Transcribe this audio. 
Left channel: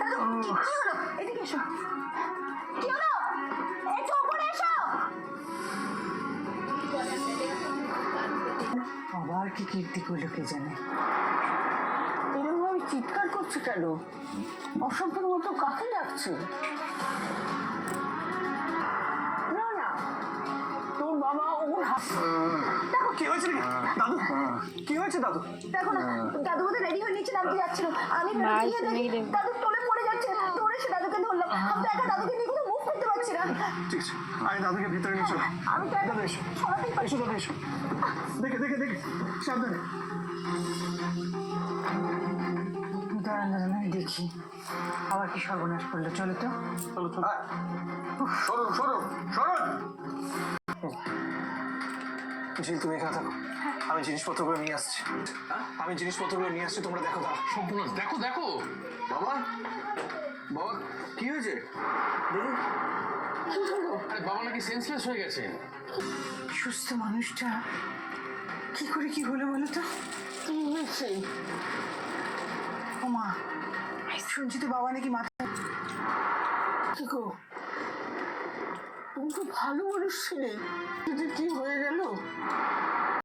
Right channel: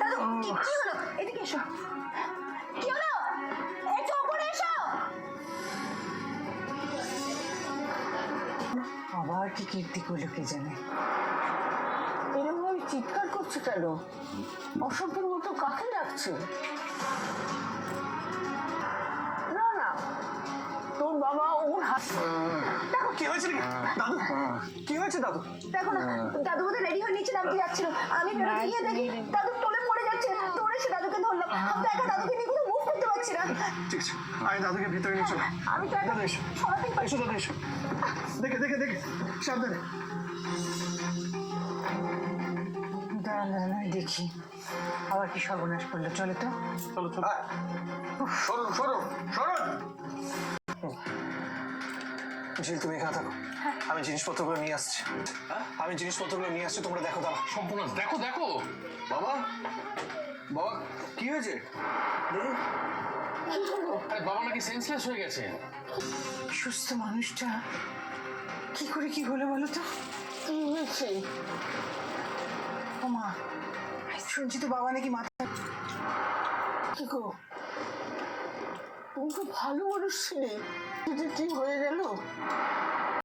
দাদু কি হলো? এদিকে এসো। কি হলো? এসো, উপরে এসো। আবার কি কীর্তি করলো কে জানে। এরকম ভাবে চিৎকার করছো কেন? অসভ্যের মতো কাকে ডাকছো? না না, তোর বাবা ওর হাত। দেখো কি হয়েছে দাদু, কি হয়েছে দাদু? দেখো না, দাদু বোধহয় রেডি হয়ে নিচে নামতে যাচ্ছিল। আমি বেরোতে গিয়ে দেখি দাদু টোলে পড়ে যাচ্ছে। দৌড়ে এসে দাদুকে ধরলাম। আমি তো একা দাদুকে নিয়ে কোনো মুভ করতে পারছি না। ঠিক আছে, আমি দাদুকে ভিতরে নিয়ে চলো। আমি তো দাদু এসো, সরাতেই পারছি এসো দাদু এসো। দেখে দেখে দেখে, সাবধানে। দাঁড়ান দাঁড়ান, আমি দেখি আবার কি সর্বনাশ করলো। চলো তো। চলো চলো। সরুন সরুন সরুন। ঝিল, তুমি এখানে থাকো, আমি জিনিসপত্রগুলো নিয়ে আসছি। আমি জিনিসপত্রগুলো নিয়ে আসছি, তোমরা দেখো। দাঁড়া সম্পূর্ণ দেখো দেখো। বাবা, বাবা কি হয়েছে? দেখুন। আরে বাবা নাকি সেন্সলেস হয়ে গেছে। সুস্থ মানুষটা কি করে কি হলো বলো তো? কি হয়েছে? ও মা, শুনছি তো বাবা নাকি মাথায়। কি গো, তুমি খুব ভালো মানুষ ছিলে, কি হয়ে গেল?